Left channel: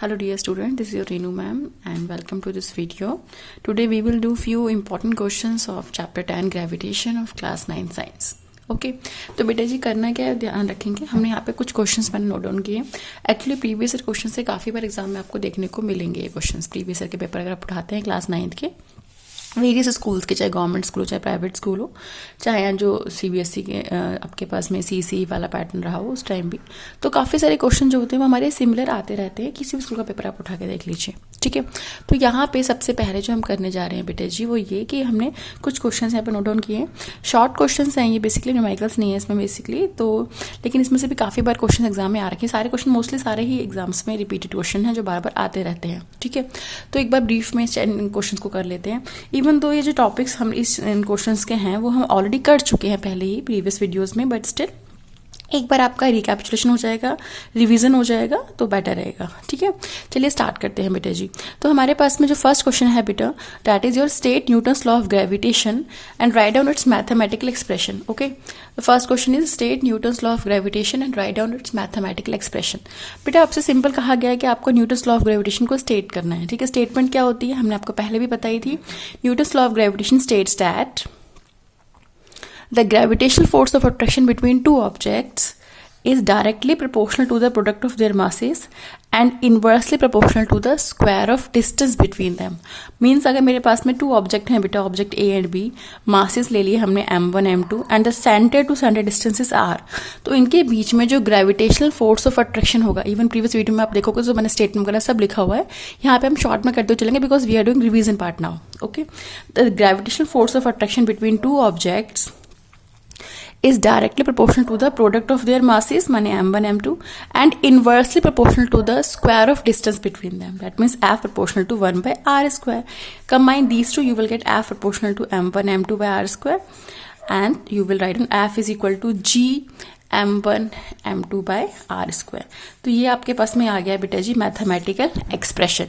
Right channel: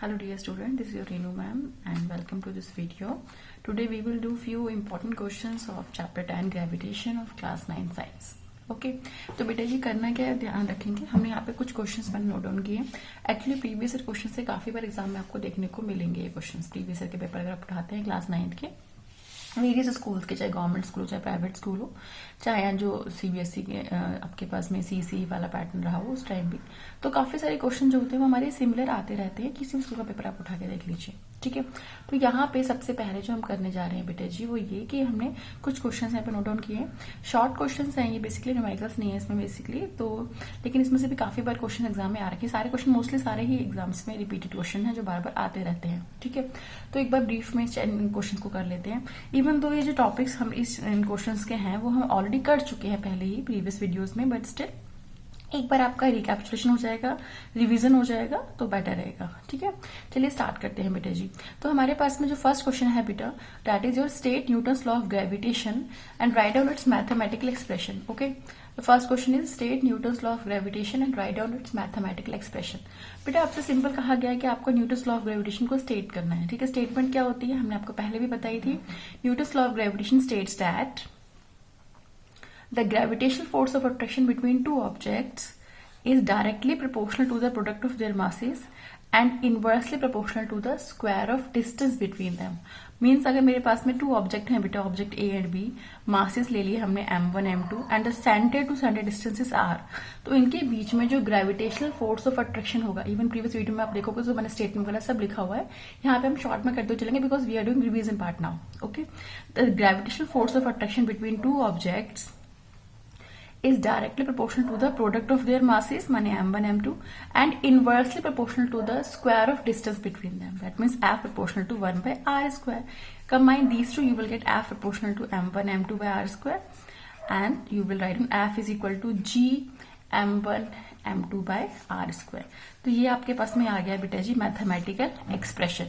Hello dear student, this is your Renu ma'am and welcome to this video. Today we will do few important questions of chapter 10 gravitation of class 9 science. Okay तो बेटा जी करना क्या है, ध्यान रखेंगे। हमने यहाँ पे कुछ क्वेश्चंस मैंने नोट डाउन किए। एक्चुअली प्रीवियस ईयर क्वेश्चन से काफ़ी बार एग्जाम में आपको देखने को मिलेंगे ये क्वेश्चंस। प्रीवियस ईयर के पेपर अगर आप उठाते हैं क्लास 9 के वेरियस स्कूल्स के, चाहे गवर्नमेंट स्कूल हो चाहे प्राइवेट स्कूल हो, चाहे जो सीबीएसई के आपके पास में सीसी वाला पैटर्न रहा हो उस टाइम भी, तो काफ़ी सारे क्वेश्चन जो होते हैं वो हमारे सिमिलर आते रहते हैं। किसी भी स्कूल का पेपर आप उठा के देख लीजिए, ठीक है। तो यहाँ पे सबसे पहले जो हम करने जा रहे हैं बेटे जी वो ये कि हमने कुछ क्वेश्चन यहाँ पे नोट डाउन किए हैं। शॉर्ट क्वेश्चन हैं ये, बेसिकली न्यूमेरिकल्स नहीं है इसमें बेसिकली, तो लेकिन इसमें से भी काफ़ी बार क्वेश्चन एग्जाम में आ रखे हैं। सारे क्वेश्चन मोस्टली सारे ही एग्जाम्स में रिपीटेड क्वेश्चन हैं जो बार बार आते रहते हैं, ठीक है। तो एक बार ब्रीफ में इन क्वेश्चन को कर लेते हैं। इवन दो ये जो टॉपिक्स हम इन क्वेश्चंस के हैं वो हम ऑलरेडी कर चुके हैं पहले ही प्रीवियस वीडियोस में, बट स्टिल एक बार आपका रिकैपिचुलेशन हो जाएगा, रिवीजन हो जाएगा तो बेटर रहेगा, ठीक है। चलिए स्टार्ट करते हैं बेटा जी। तो हमारे पास में जो फर्स्ट क्वेश्चन है बेटा, that is your state Newton's law of gravitation and write down it's mathematical expression. Okay, the first question is state Newton's law of gravitation and write down it's mathematical expression. बेटा आपसे simple कहा गया है कि आपको Newton's law of gravitation को state करना है, ठीक है। स्टेटमेंट क्या होती है हमने आपको पहले भी बताई थी। Newton's law of gravitation states that the gravitational force of attraction between two objects is directly proportional to the product of their masses and inversely proportional to the square of distance between them. Means अगर मेरे पास में to object हैं बेटा, object A and B, masses ले लिए हमने m1 m2 and the centre to centre distances r, तो इनके बीच में जो ग्रेविटेशनल फोर्स ऑफ अट्रैक्शन होगा, इवन प्रीवियस वीडियो में आप देखोगे जो मैंने स्टेटमेंट वगैरह सब लिखा हुआ है, यहाँ पे हम शॉर्ट में करते हुए चलेंगे because we are doing revision part now. Okay, the gravitational force of attraction between two objects is directly proportional to the product of their masses, माने m1 m2, and inversely proportional to the square of distance between them. That means f proportional to 1 by r square. Combine these two, you will get f proportional to m1 m2 by r square, and you will write on f is equal to g m1 m2 by r square. तो ये आपके पास में आ गया बेटा जी mathematical expression.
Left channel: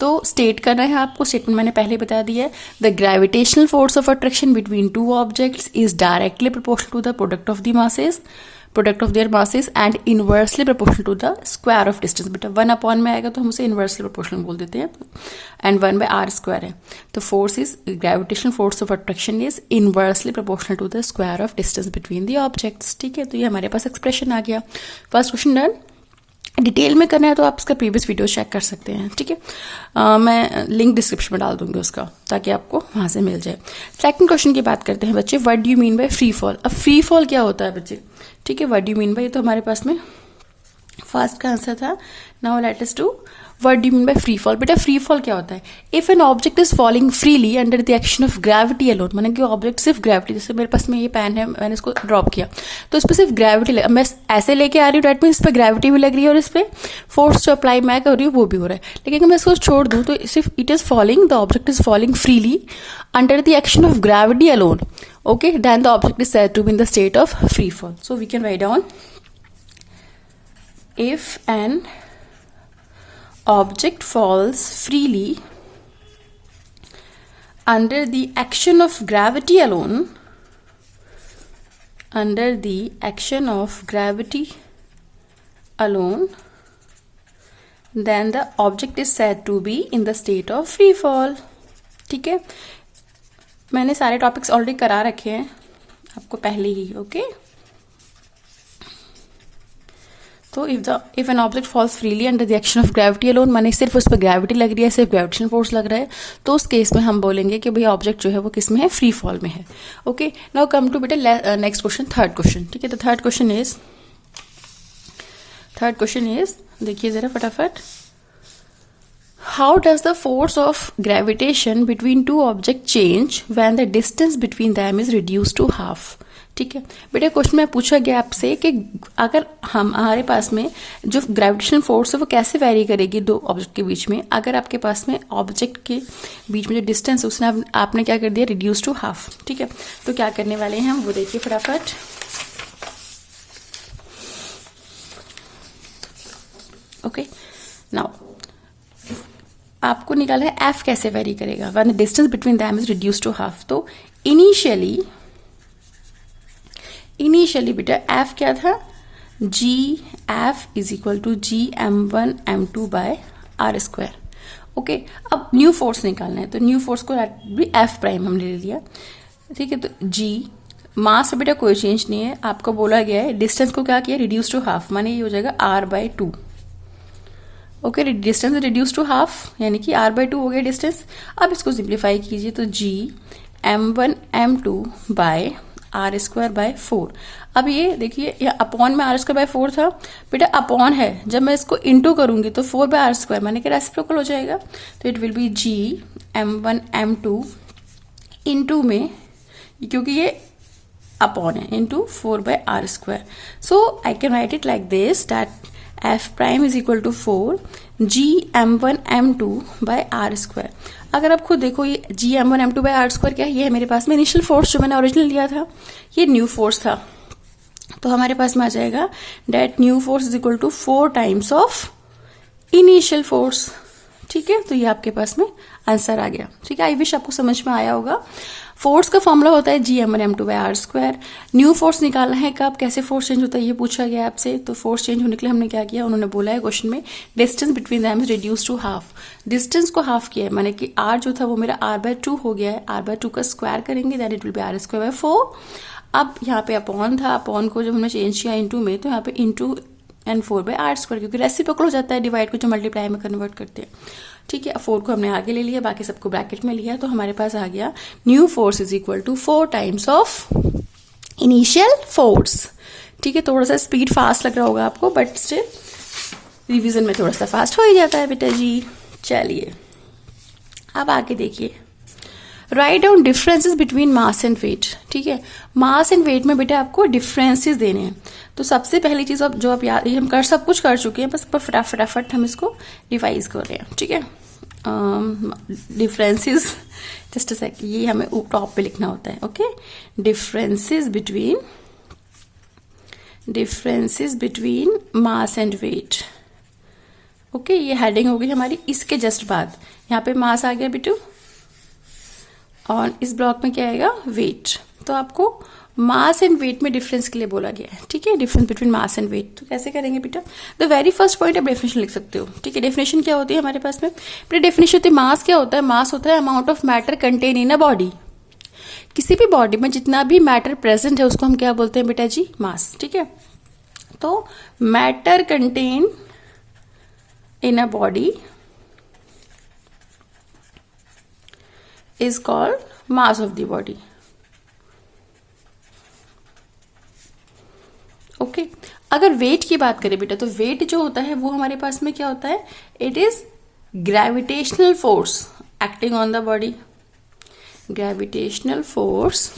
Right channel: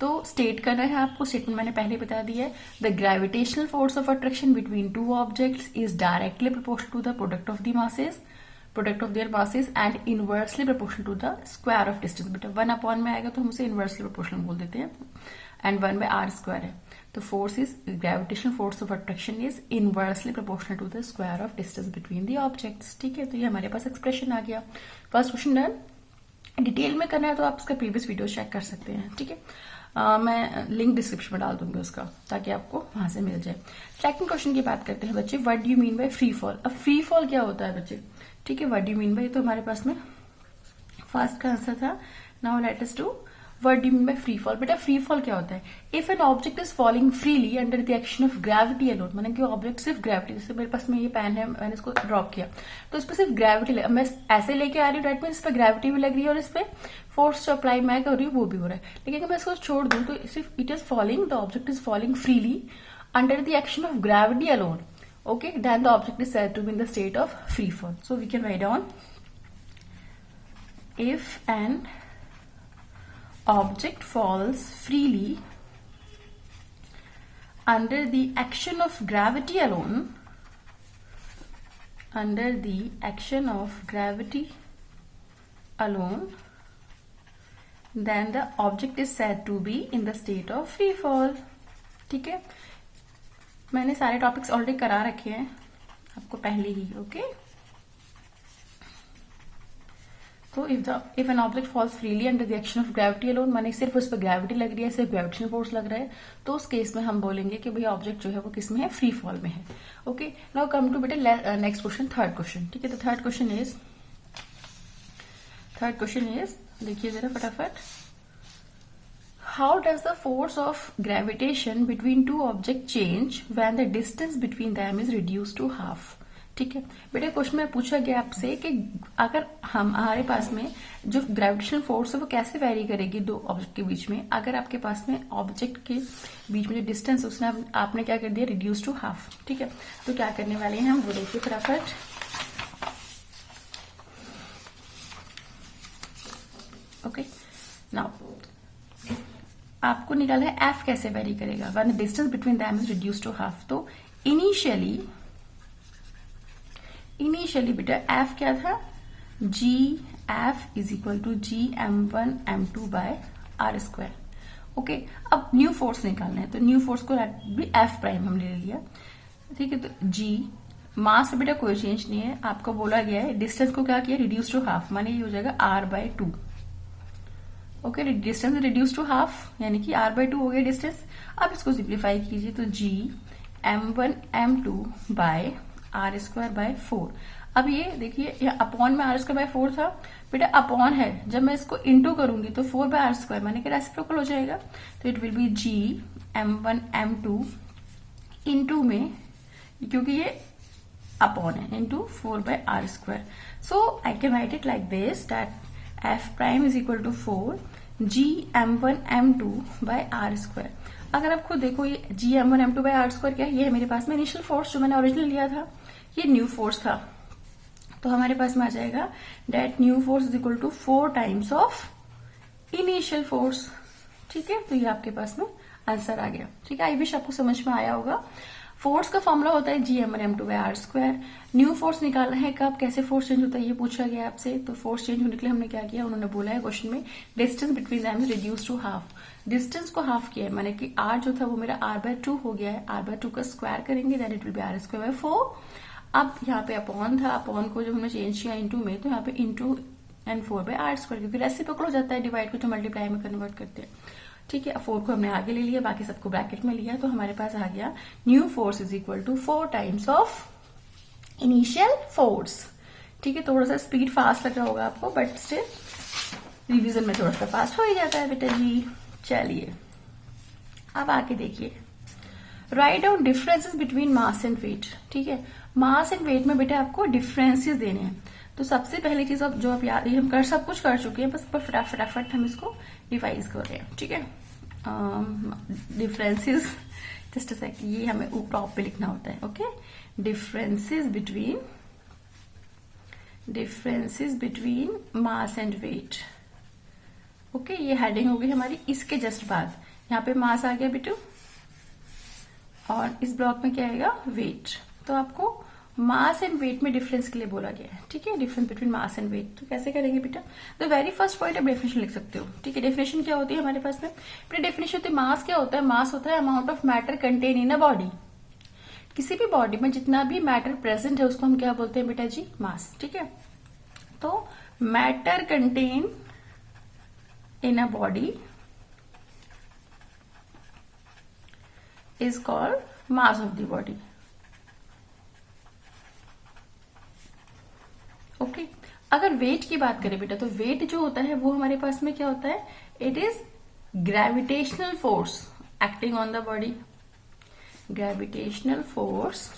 तो स्टेट करना है आपको, स्टेटमेंट मैंने पहले बता दिया है। The gravitational force of attraction between two objects is directly proportional to the product of their masses and inversely proportional to the square of distance. बेटा 1 अपॉन में आएगा तो हम उसे इनवर्सली प्रोपोर्शनल बोल देते हैं, एंड 1 बाय आर स्क्वायर है। तो force is gravitational force of attraction is inversely proportional to the square of distance between the objects, ठीक है। तो ये हमारे पास एक्सप्रेशन आ गया। First question done. डिटेल में करना है तो आप इसका प्रीवियस वीडियो चेक कर सकते हैं, ठीक है। मैं लिंक डिस्क्रिप्शन में डाल दूंगी उसका, ताकि आपको वहाँ से मिल जाए। सेकंड क्वेश्चन की बात करते हैं बच्चे, what do you mean by free fall. अब फ्री फॉल क्या होता है बच्चे, ठीक है। What do you mean by, तो हमारे पास में फर्स्ट का आंसर था। Now let us do what do you mean by free fall. बेटा फ्री फॉल क्या होता है, if an object is falling freely under the action of gravity alone, माने कि ऑब्जेक्ट सिर्फ ग्रेविटी, जैसे मेरे पास में ये पेन है, मैंने इसको ड्रॉप किया तो इस पर सिर्फ ग्रेविटी मैं ऐसे लेके आ रही हूँ, डेट मीन इस पर ग्रेविटी भी लग रही है और इस पर फोर्स जो अप्लाई मैं कर रही हूँ वो भी हो रहा है। लेकिन अगर मैं इसको छोड़ दूँ तो सिर्फ it is falling, the object is falling freely under the action of gravity alone, okay, then the object is said to be in the state of free fall. So we can write down if an object falls freely under the action of gravity alone, under the action of gravity alone, then the object is said to be in the state of free fall, ठीक है। मैंने सारे topics already करा रखे हैं आपको पहले ही, okay. तो if an object falls freely under the action of gravity alone, माने सिर्फ उस पर ग्रेविटी लग रही है, सिर्फ ग्रेविटेशनल फोर्स लग रहा है, तो उस केस में हम बोलेंगे कि भाई ऑब्जेक्ट जो है वो किस में है, फ्री फॉल में है, ओके। नाउ कम टू बेटा नेक्स्ट क्वेश्चन, थर्ड क्वेश्चन, ठीक है। तो थर्ड क्वेश्चन इज देखिए जरा फटाफट, how does the force of gravitation between two object change when the distance between them is reduce to half, ठीक है। बेटा क्वेश्चन में पूछा गया आपसे कि अगर हमारे पास में जो ग्रेविटेशनल फोर्स है वो कैसे वेरी करेगी दो ऑब्जेक्ट के बीच में, अगर आपके पास में ऑब्जेक्ट के बीच में जो डिस्टेंस है उसने आपने क्या कर दिया, रिड्यूस टू हाफ, ठीक है। तो क्या करने वाले हैं हम वो देखिए फटाफट। ओके, नाउ आपको निकालना है एफ कैसे वेरी करेगा when the distance between them is reduce to half. तो इनिशियली बेटा एफ क्या था, G F is equal to G m1 m2 by are square. Okay, अब न्यू फोर्स निकालना है, तो न्यू फोर्स को एफ प्राइम हमने ले लिया। ठीक है, तो जी मास में बेटा कोई चेंज नहीं है, आपको बोला गया है डिस्टेंस को क्या किया, रिड्यूस टू हाफ, माने ये हो जाएगा r/2। Okay, distance reduce to half यानी कि r/2 हो गया डिस्टेंस। अब इसको सिंप्लीफाई कीजिए तो g m1 m2 by are square by 4। अब ये देखिए, ये अपॉन में आर स्क्वायर बाय 4 था बेटा, अपॉन है, जब मैं इसको इंटू करूंगी तो 4 बाय आर स्क्वायर माने कि रेसिप्रोकल हो जाएगा, तो it will be g m1 m2 into में, क्योंकि ये अपॉन है, into 4 by are square. So I can write it like this that F prime is equal to 4 g m1 m2 by are square. अगर आप खुद देखो, ये जी m1 m2 by are square क्या है, ये है मेरे पास में इनिशियल फोर्स जो मैंने ओरिजिनल लिया था, ये न्यू फोर्स था, तो हमारे पास में आ जाएगा that new force is equal to 4 times of initial force. ठीक है, तो ये आपके पास में आंसर आ गया। ठीक है, आई विश आपको समझ में आया होगा। फोर्स का फॉर्मूला होता है g m1 m2 by are square. New force निकालना है कब, कैसे फोर्स चेंज होता है ये पूछा गया आपसे, तो फोर्स चेंज होने के लिए हमने क्या किया, उन्होंने बोला है क्वेश्चन में distance between them is reduce to half. Distance को हाफ किया है, माने कि r जो था वो मेरा r/2 हो गया है, r/2 का स्क्वायर करेंगे that it will be r square by 4। अब यहाँ पे अपॉन था, अपॉन को जब हमने चेंज किया इंटू में, तो यहाँ पे into and 4 by are square, क्योंकि रेसिप्रोकल हो जाता है डिवाइड को जो मल्टीप्लाई में कन्वर्ट करते हैं। ठीक है, 4 को हमने आगे ले लिया, बाकी सबको ब्रैकेट में लिया, तो हमारे पास आ गया new force is equal to 4 times of initial force. ठीक है, थोड़ा सा स्पीड फास्ट लग रहा होगा आपको, बट स्टिल रिवीजन में थोड़ा सा फास्ट हो ही जाता है बेटा जी। चलिए अब आगे देखिए, write down differences between mass and weight. ठीक है, मास एंड वेट में बेटा आपको डिफरेंसेस देने हैं, तो सबसे पहली चीज जो आप याद, ये हम सब कुछ कर चुके हैं, बस फटाफट हम इसको रिवाइज कर रहे हैं। ठीक है, डिफरेंसेस, जस्ट अ सेकंड, ये हमें टॉप पे लिखना होता है। Okay, differences between mass and weight. Okay, ये हेडिंग हो गई हमारी। इसके जस्ट बाद यहाँ पे मास आ गया बेटू, और इस ब्लॉक में क्या आएगा, वेट। तो आपको मास एंड वेट में डिफरेंस के लिए बोला गया है। ठीक है, difference between mass and weight, तो कैसे करेंगे बेटा, द वेरी फर्स्ट पॉइंट आप डेफिनेशन लिख सकते हो। ठीक है, डेफिनेशन क्या होती है हमारे पास में बेटा, डेफिनेशन होती है मास क्या होता है, मास होता है amount of matter contain in a body. किसी भी बॉडी में जितना भी मैटर प्रेजेंट है उसको हम क्या बोलते हैं बेटा जी, मास। ठीक है, तो matter contain in a body is called mass of the body. Okay, अगर वेट की बात करें बेटा, तो वेट जो होता है वो हमारे पास में क्या होता है, it is gravitational force acting on the body. Gravitational force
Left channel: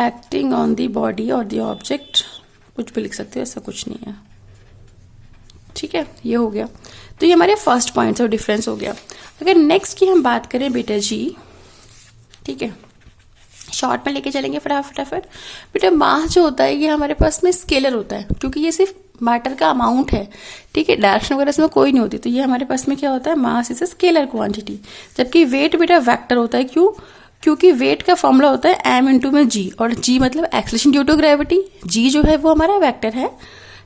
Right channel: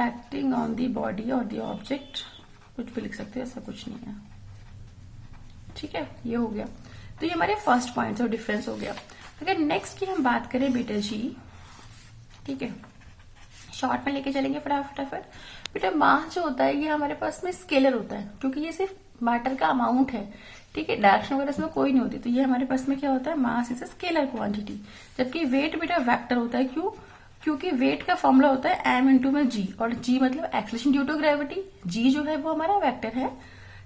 acting on the body और द ऑब्जेक्ट, कुछ भी लिख सकते हो, ऐसा कुछ नहीं है। ठीक है, ये हो गया, तो ये हमारे फर्स्ट पॉइंट्स और डिफरेंस हो गया। अगर नेक्स्ट की हम बात करें बेटा जी, ठीक है, शॉर्ट में लेके चलेंगे फटाफट। बेटा मास जो होता है ये हमारे पास में स्केलर होता है, क्योंकि ये सिर्फ मैटर का अमाउंट है। ठीक है, डायरेक्शन वगैरह इसमें कोई नहीं होती, तो ये हमारे पास में क्या होता है, mass is a scalar quantity. जबकि वेट बेटा वेक्टर होता है, क्यों, क्योंकि वेट का फॉर्मूला होता है m इंटू में g, और g मतलब acceleration due to gravity, g जो है वो हमारा वेक्टर है।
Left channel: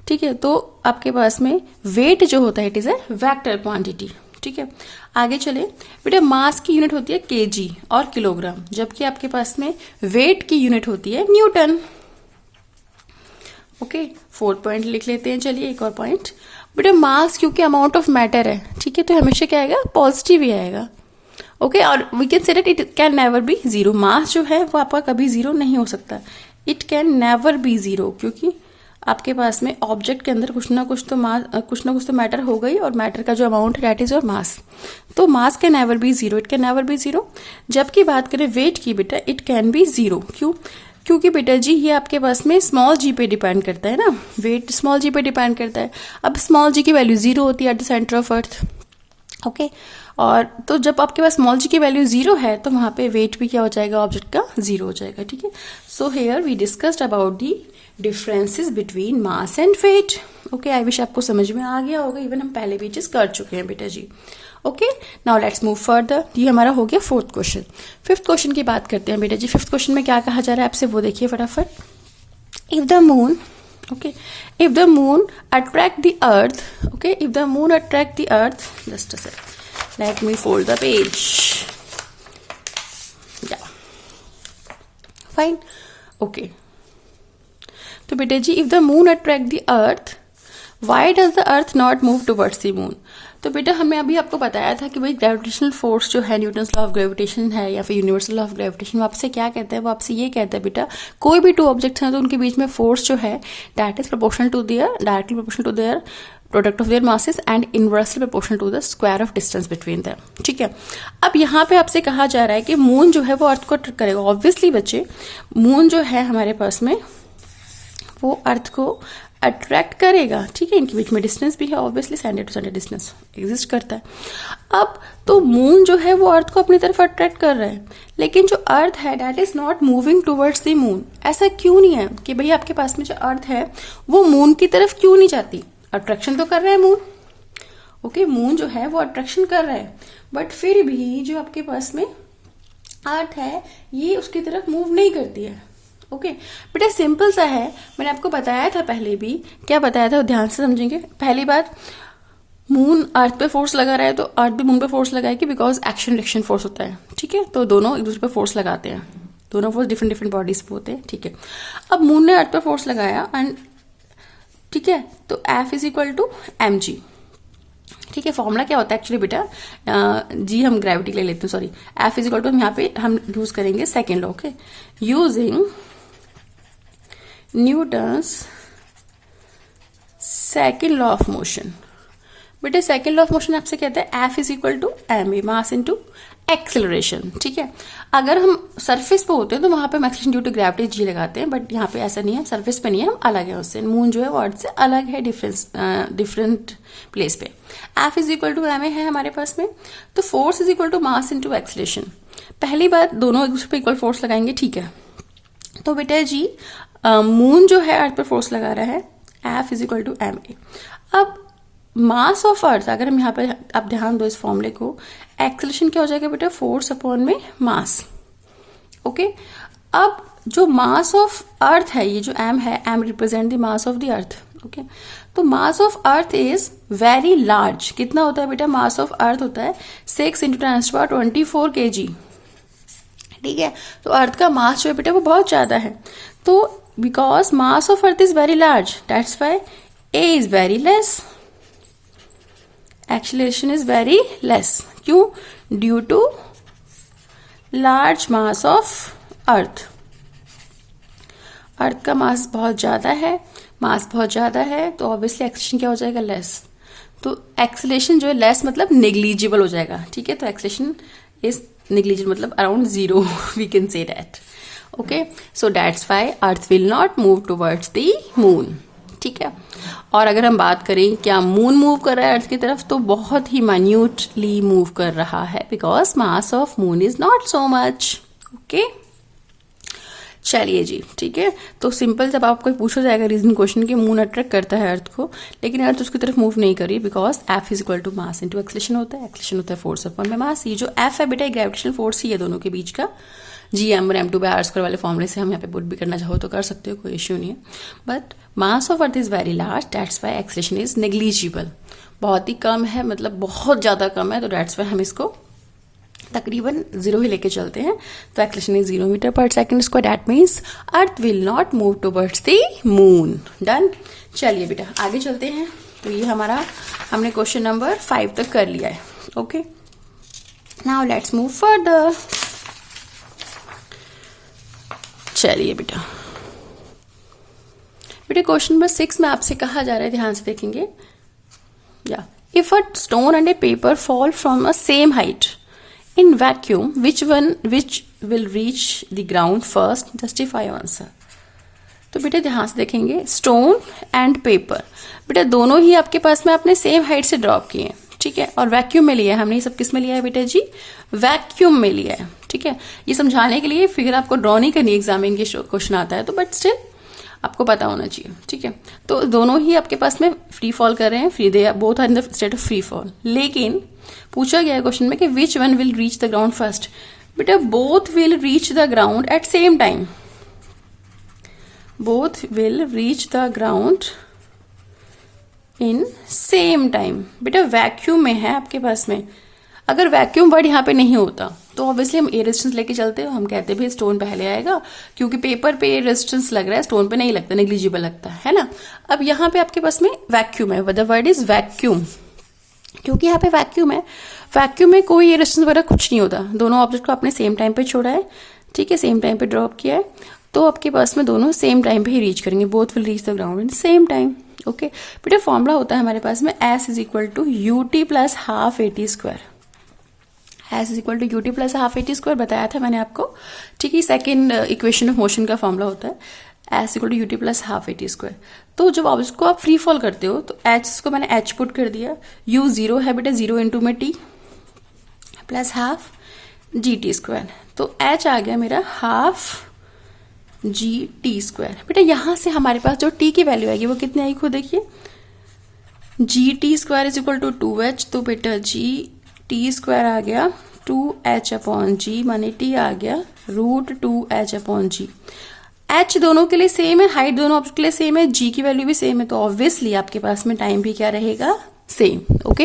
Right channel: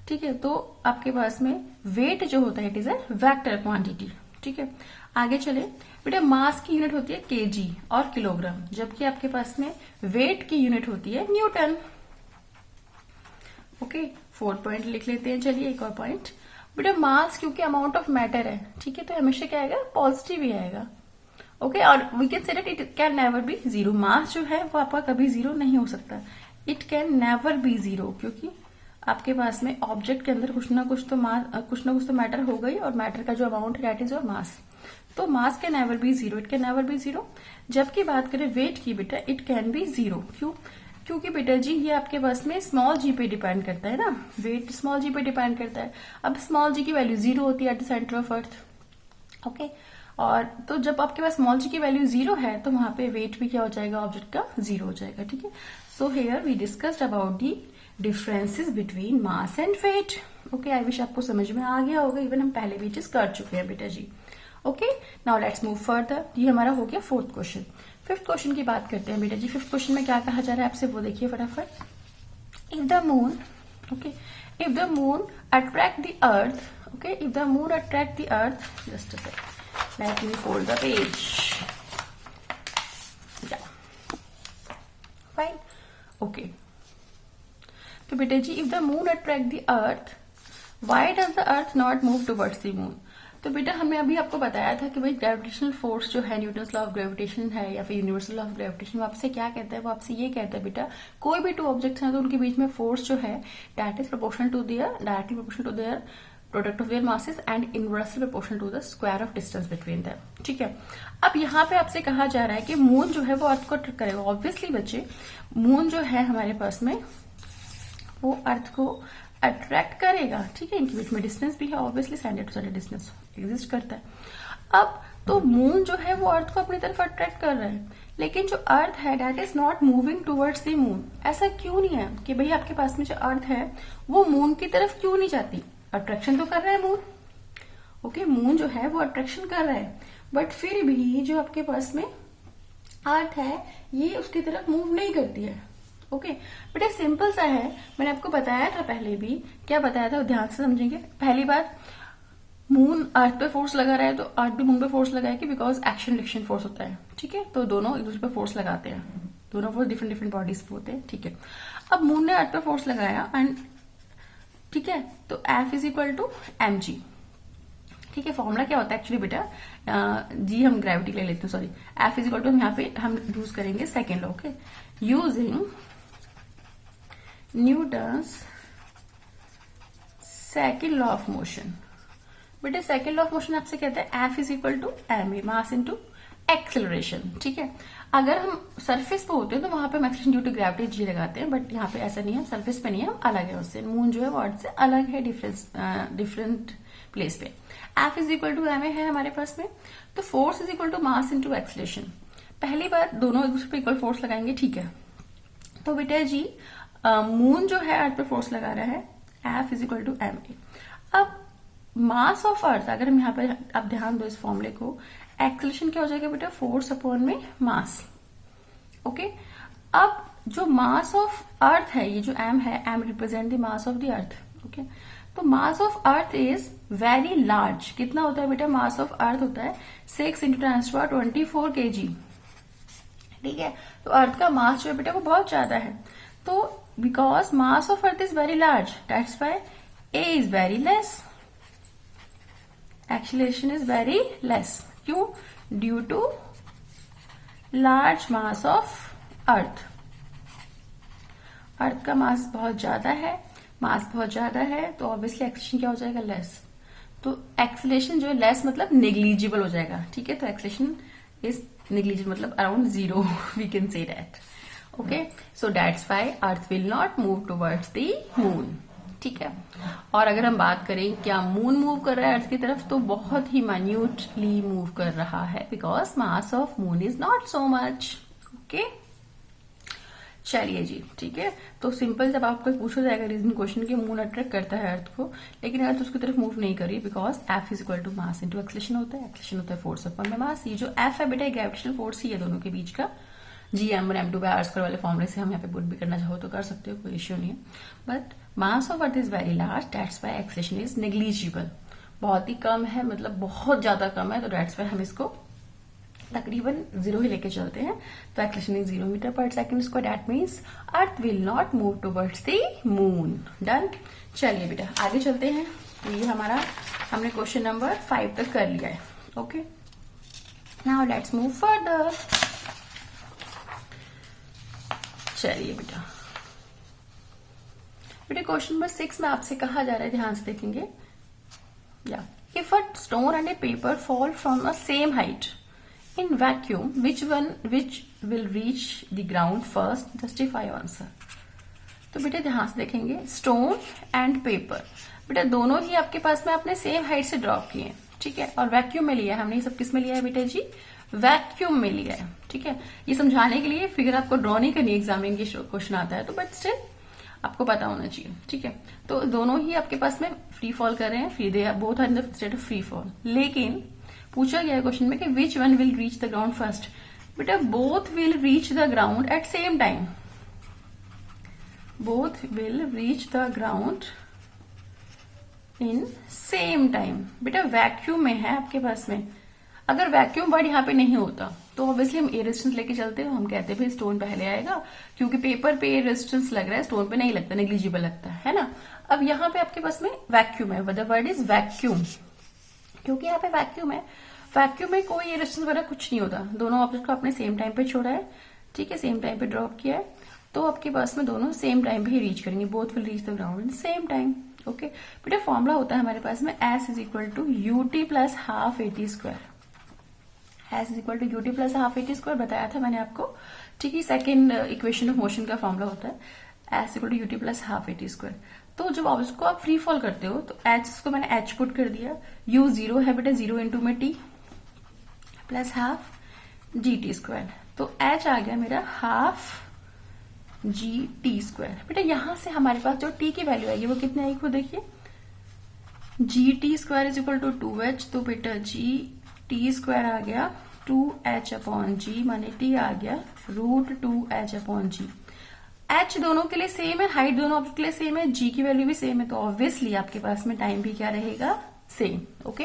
ठीक है, तो आपके पास में वेट जो होता है it is a vector quantity. ठीक है, आगे चले बेटा, मास की यूनिट होती है केजी और किलोग्राम, जबकि आपके पास में वेट की यूनिट होती है न्यूटन। ओके, 4 पॉइंट लिख लेते हैं। चलिए एक और पॉइंट बेटा, मास क्योंकि अमाउंट ऑफ मैटर है, ठीक है, तो हमेशा क्या आएगा, पॉजिटिव ही आएगा। ओके, और we can say that it can never be zero. Mass जो है वो आपका कभी जीरो नहीं हो सकता, it can never be zero, क्योंकि आपके पास में ऑब्जेक्ट के अंदर कुछ ना कुछ तो मैटर हो गई, और मैटर का जो अमाउंट है दैट इज योर मास। तो mass can never be zero, it can never be zero. जबकि बात करें वेट की बेटा, इट कैन बी जीरो। क्यों, क्योंकि बेटा जी ये आपके पास में स्मॉल जी पे डिपेंड करता है ना, वेट स्मॉल जी पे डिपेंड करता है। अब स्मॉल जी की वैल्यू जीरो होती है at the centre of earth. Okay, और तो जब आपके पास स्मॉल जी की वैल्यू जीरो है तो वहां पे वेट भी क्या हो जाएगा, ऑब्जेक्ट का जीरो हो जाएगा। ठीक है, so here we discussed about the differences between mass and weight. Okay, I wish आपको समझ में आ गया होगा, इवन हम पहले भी चीज कर चुके हैं बेटा जी। Okay, now let's move further. ये हमारा हो गया फोर्थ क्वेश्चन। फिफ्थ क्वेश्चन की बात करते हैं बेटा जी। फिफ्थ क्वेश्चन में क्या कहा जा रहा है आपसे वो देखिए फटाफट। If the moon Okay, if the moon attract the earth, okay, if the moon attract the earth, just a sec, let me fold the page. Yeah, fine. Okay, तो बेटे जी, if the moon attract the earth, why does the earth not move towards the moon? तो बेटा हमने अभी आपको बताया था कि भाई ग्रेविटेशनल फोर्स जो है, न्यूटन्स लॉ ऑफ ग्रेविटेशन है या फिर यूनिवर्सल लॉ ऑफ ग्रेविटेशन, वो आपसे क्या कहता है? वो आपसे ये कहता है बेटा, कोई भी टू ऑब्जेक्ट्स हैं तो उनके बीच में फोर्स जो है that is proportional to their, directly proportional to their product of their masses and inversely proportional to the square of distance between them. ठीक है, अब यहाँ पे आपसे कहा जा रहा है कि मून जो है वो अर्थ को अट्रैक्ट करेगा। ऑब्वियसली बच्चे, मून जो है हमारे पास में वो अर्थ को अट्रैक्ट करेगा। ठीक है, इनके बीच में डिस्टेंस भी है, obviously centre to centre distance exist करता है। अब तो मून जो है वो अर्थ को अपनी तरफ अट्रैक्ट कर रहा है, लेकिन जो अर्थ है that is not moving towards the moon. ऐसा क्यों नहीं है कि भाई आपके पास में जो अर्थ है वो मून की तरफ क्यों नहीं जाती? अट्रैक्शन तो कर रहा है मून, ओके, मून जो है वो अट्रैक्शन कर रहा है, बट फिर भी जो आपके पास में अर्थ है ये उसकी तरफ मूव नहीं करती है। ओके बेटा, सिंपल सा है, मैंने आपको बताया था पहले भी। क्या बताया था, ध्यान से समझेंगे। पहली बात, मून अर्थ पे फोर्स लगा रहा है तो अर्थ भी मून पे फोर्स लगाएगी, बिकॉज एक्शन रिएक्शन फोर्स होता है। ठीक है, तो दोनों एक दूसरे पे फोर्स लगाते हैं, दोनों फोर्स डिफरेंट डिफरेंट बॉडीज पे होते हैं। ठीक है, अब मून ने अर्थ पे फोर्स लगाया एंड ठीक है, तो F is equal to mg। ठीक है, फॉर्मूला क्या होता है एक्चुअली बेटा, जी हम ग्रेविटी ले लेते हैं, sorry, F is equal to, यहाँ पे हम यूज करेंगे second law. Okay, using Newton's second law of motion. बेटे सेकेंड लॉ ऑफ मोशन आपसे कहता है F is equal to ma, mass into acceleration. ठीक है, अगर हम सरफेस पे होते हैं तो वहां पे हम acceleration due to gravity G लगाते हैं, बट यहाँ पे ऐसा नहीं है, सरफेस पे नहीं है, हम अलग है उससे। मून जो है वो अर्थ से अलग है, डिफरेंट प्लेस पे। F is equal to ma है हमारे पास में, तो force is equal to mass into acceleration. पहली बात, दोनों एक दूसरे पे इक्वल फोर्स लगाएंगे। ठीक है, तो बेटा जी मून जो है अर्थ पे फोर्स लगा रहा है, F is equal to ma। अब मास ऑफ अर्थ, अगर हम यहाँ पे, आप ध्यान दो इस फॉर्मूले को, एक्सेलरेशन क्या हो जाएगा बेटा, फोर्स अपॉन में मास। ओके, अब जो मास ऑफ अर्थ है, ये जो m है, m represent the mass of the earth. Okay, तो mass of earth is very large. कितना होता है बेटा, मास ऑफ अर्थ होता है 6 × 10⁻24 kg। ठीक है, तो अर्थ का मास जो है बेटा वो बहुत ज्यादा है, तो because mass of earth is very large, that's why a is very less, acceleration is very less. क्यों? Due to large mass of earth. Earth का मास बहुत ज्यादा है, मास बहुत ज्यादा है, तो ऑब्वियसली एक्सेलरेशन क्या हो जाएगा, लेस। तो एक्सेलरेशन जो है लेस मतलब नेग्लिजिबल हो जाएगा। ठीक है, तो एक्सेलरेशन इज नेग्लिजिबल मतलब around 0, we can say that. Okay, so that's why Earth will not move towards the moon. ठीक है, और अगर हम बात करें क्या मून मूव कर रहा है अर्थ की तरफ, तो बहुत ही माइन्यूटली मूव कर रहा है, because mass of moon is not so much. Okay, चलिए जी, ठीक है, तो सिंपल जब आपको पूछा जाएगा रीजन क्वेश्चन कि मून अट्रैक्ट करता है अर्थ को, लेकिन अर्थ उसकी तरफ मूव नहीं कर रही, because F is equal to mass into acceleration होता है। एक्सेलरेशन होता है फोर्स अपॉन में मास। ये जो F है बेटा ग्रेविटेशनल फोर्स ही है दोनों के बीच का। Gm और m2/r² वाले फॉर्मूले से हम यहाँ पे पुट भी करना चाहो तो कर सकते हो, कोई इश्यू नहीं है, but mass of earth is very large, that's why acceleration is negligible. बहुत ही कम है, मतलब बहुत ज्यादा कम है, तो दैट्स व्हाई हम इसको तकरीबन 0 ही लेके चलते हैं। तो एक्सेलरेशन इज 0 मीटर/सेकंड², that means earth will not move towards the moon. Done. चलिए बेटा आगे चलते हैं। तो ये हमारा, हमने क्वेश्चन नंबर 5 तक कर लिया है। Okay, now let's move further. चलिए बेटा क्वेश्चन नंबर 6 में आपसे कहा जा रहा है, ध्यान से देखेंगे। या if a stone and A paper fall from a same height in vacuum, which will reach the ground first? Justify your answer. तो बेटा ध्यान से देखेंगे, स्टोन एंड पेपर बेटा दोनों ही आपके पास में आपने सेम हाइट से ड्रॉप किए हैं। ठीक है, और वैक्यूम में लिया है हमने। ये सब किस में लिया है बेटा जी? वैक्यूम में लिया है। ठीक है, ये समझाने के लिए फिगर आपको ड्रॉ नहीं करनी, एग्जाम में क्वेश्चन आता है तो, बट स्टिल आपको पता होना चाहिए। ठीक है, तो दोनों ही आपके पास में फ्री फॉल कर रहे हैं, free they both are in the state of free fall. लेकिन पूछा गया है क्वेश्चन में कि which one will reach the ground first? बेटा both will reach the ground at same time. Both will reach the ground in same time. बेटा vacuum में है आपके पास में, अगर वैक्यूम वर्ड यहाँ पे नहीं होता तो ऑब्वियसली हम ए रेजिस्टेंस लेके चलते हैं, हम कहते भाई स्टोन पहले आएगा, क्योंकि पेपर पे ए रेजिस्टेंस लग रहा है, स्टोन पे नहीं लगता, नेग्लिजिबल लगता है ना। अब यहाँ पे आपके पास में वैक्यूम है, द वर्ड इज वैक्यूम, क्योंकि यहाँ पे वैक्यूम है, वैक्यूम में कोई ए रेजिस्टेंस वगैरह कुछ नहीं होता, दोनों ऑब्जेक्ट को आपने सेम टाइम पे छोड़ा है, ठीक है, सेम टाइम पे ड्रॉप किया है, तो आपके पास में दोनों सेम टाइम पे ही रीच करेंगे, both will reach the ground in same time. Okay बेटा फॉर्मूला होता है हमारे पास में s is equal to u t plus half a t square, s is equal to u t plus half a t square बताया था मैंने आपको, ठीक है, सेकेंड इक्वेशन ऑफ मोशन का फॉर्मूला होता है s equal to u t plus half a t square. तो जब ऑब्जेक्ट को आप फ्री फॉल करते हो तो एच को मैंने एच पुट कर दिया, यू जीरो है बेटा, जीरो इंटू में टी प्लस हाफ जी टी स्क्वायर, तो एच आ गया मेरा हाफ जी टी स्क्वायर। बेटा यहां से हमारे पास जो टी की वैल्यू आएगी वो कितनी आएगी खुद देखिए, g t square is equal to 2h, तो बेटा जी टी स्क्वायर आ गया 2h अपॉन जी, माने टी आ गया रूट 2h अपॉन जी। एच दोनों के लिए सेम है, हाइट दोनों ऑब्जेक्ट के लिए सेम है, जी की वैल्यू भी सेम है, तो ऑब्वियसली आपके पास में टाइम भी क्या रहेगा, same. Okay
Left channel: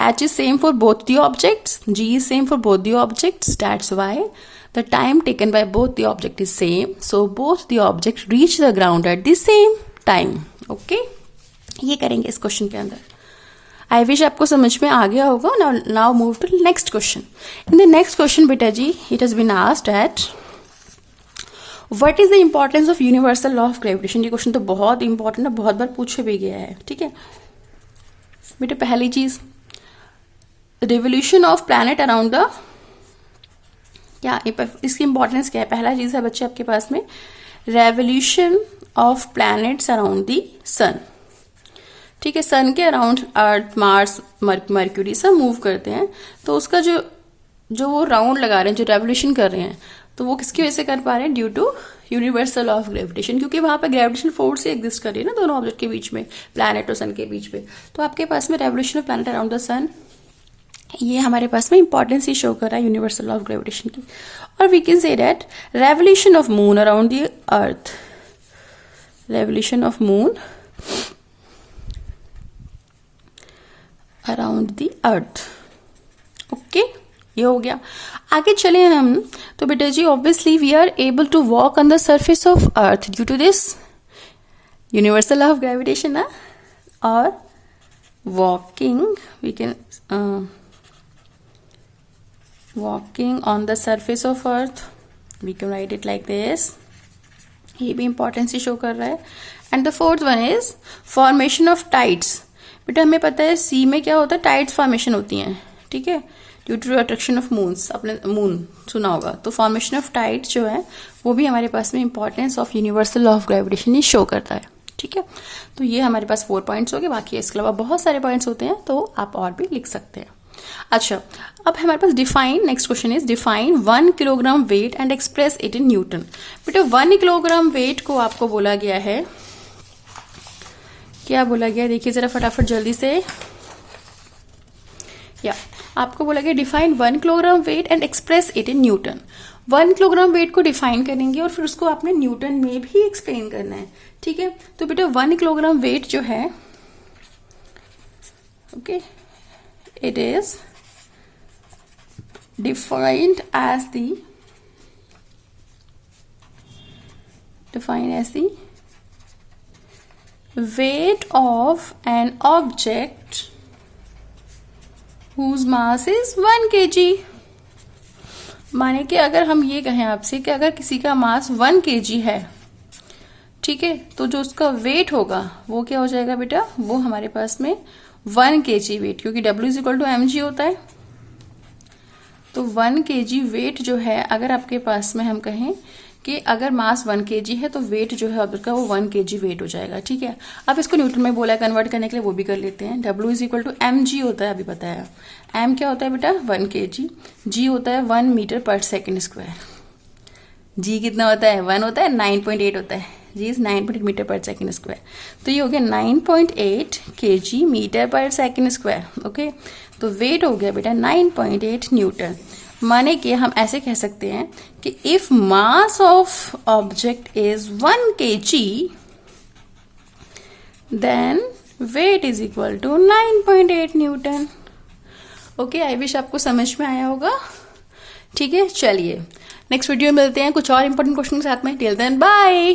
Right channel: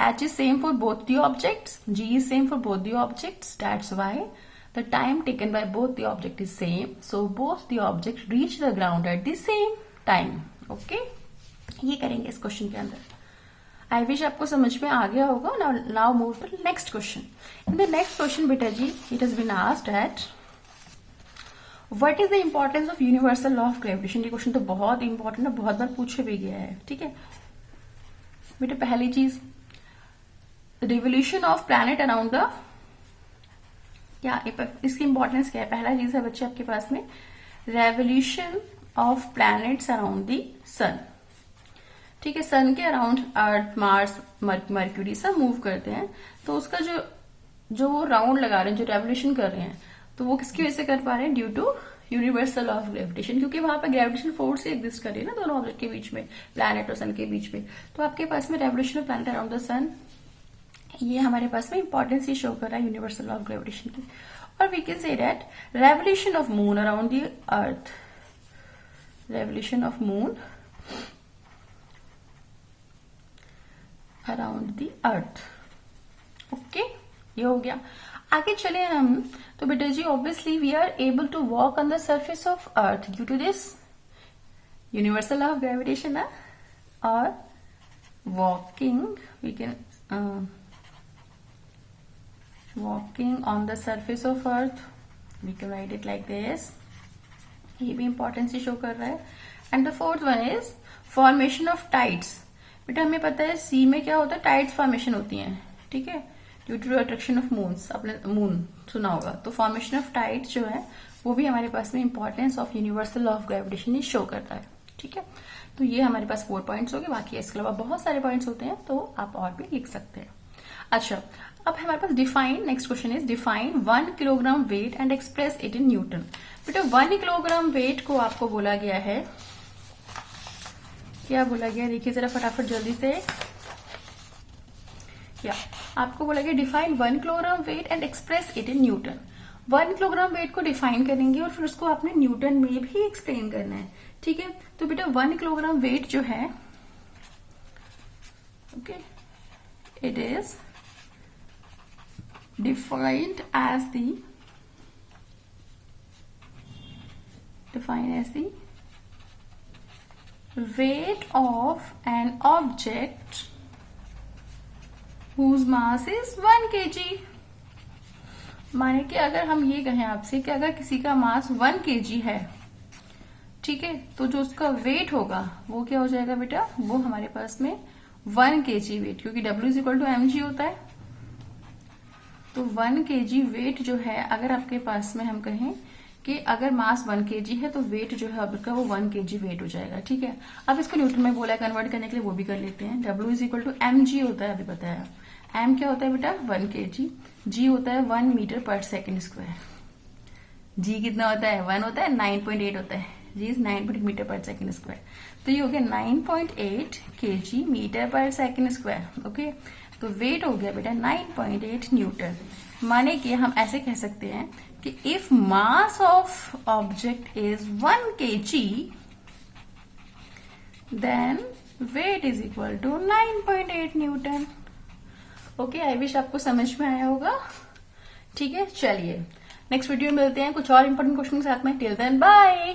h is same for both the objects, g is same for both the objects, that's why the time taken by both the object is same, so both the object reach the ground at the same time. Okay, ये करेंगे इस question के अंदर। आई wish आपको समझ में आ गया होगा। Now move to next question. In the next question बेटा जी it has been asked at what is the importance of universal law of gravitation. ये क्वेश्चन तो बहुत इंपॉर्टेंट है, बहुत बार पूछे भी गया है, ठीक है बेटा। पहली चीज revolution of planet around the, क्या इसकी इंपॉर्टेंस क्या है, पहला चीज है बच्चे आपके पास में revolution of planets around the sun, ठीक है, सन के अराउंड अर्थ मार्स मर्क्यूरी सब मूव करते हैं, तो उसका जो वो राउंड लगा रहे हैं, जो रेवोल्यूशन कर रहे हैं, तो वो किसकी वजह से कर पा रहे हैं, due to universal of gravitation, क्योंकि वहां पर ग्रेविटेशन फोर्स से एग्जिस्ट कर रही है ना दोनों ऑब्जेक्ट के बीच में, प्लैनेट और सन के बीच में, तो आपके पास में revolution of planet around the sun, ये हमारे पास में इंपॉर्टेंस ही शो कर रहा है यूनिवर्सल ऑफ ग्रेविटेशन की। और we can say that revolution of moon around the earth, revolution of moon around the earth. Okay ये हो गया। आगे चले हम, तो बेटा जी obviously we are able to walk on the surface of earth due to this universal of gravitation ना, और walking we can walking on the surface of earth, we can write it like this, ये भी importance ही show कर रहा है। And the fourth one is formation of tides. बेटा हमें पता है सी में क्या होता है, टाइड्स फॉर्मेशन होती हैं, ठीक है, due to attraction of moons, अपने मून सुना होगा, तो फॉर्मेशन ऑफ टाइड्स जो है वो भी हमारे पास में importance of universal of gravitation he show करता है, ठीक है। तो ये हमारे पास 4 पॉइंट्स हो गए, बाकी इसके अलावा बहुत सारे पॉइंट्स होते हैं, तो आप और भी लिख सकते हैं। अच्छा अब हमारे पास define, next question is define 1 kilogram weight and express it in newton. बेटा 1 किलोग्राम वेट को आपको बोला गया है, क्या बोला गया देखिए जरा फटाफट जल्दी से, या आपको बोला गया define 1 kilogram weight and express it in Newton. 1 kilogram wait को डिफाइन करेंगे और फिर उसको आपने न्यूटन में भी एक्सप्लेन करना है, ठीक है। तो बेटा 1 किलोग्राम वेट जो है, okay, it is defined as the weight of an object whose mass is 1 kg। माने कि अगर हम ये कहें आपसे कि अगर किसी का मास 1 kg है, ठीक है, तो जो उसका वेट होगा वो क्या हो जाएगा बेटा, वो हमारे पास में 1 kg वेट, क्योंकि W is equal to mg होता है, तो 1 kg वेट जो है, अगर आपके पास में हम कहें कि अगर मास 1 kg है तो वेट जो है ऑब्जेक्ट का वो 1 kg वेट हो जाएगा, ठीक है। अब इसको न्यूटन में बोला है कन्वर्ट करने के लिए, वो भी कर लेते हैं। W is equal to mg होता है, अभी बताया, m क्या होता है बेटा 1 kg, g होता है 1 मीटर पर सेकेंड स्क्वायर, g कितना होता है 1 होता है, 9.8 होता है, जी इज 9.8 मीटर पर सेकेंड स्क्वायर, तो ये हो गया 9.8 kg मीटर पर सेकेंड स्क्वायर। ओके तो वेट हो गया बेटा 9.8 न्यूटन, माने कि हम ऐसे कह सकते हैं कि if mass of object is 1 kg then weight is equal to 9.8 newton. Okay, I wish आपको समझ में आया होगा। ठीक है, चलिए नेक्स्ट वीडियो में मिलते हैं कुछ और इंपॉर्टेंट क्वेश्चन के साथ में। Till then bye.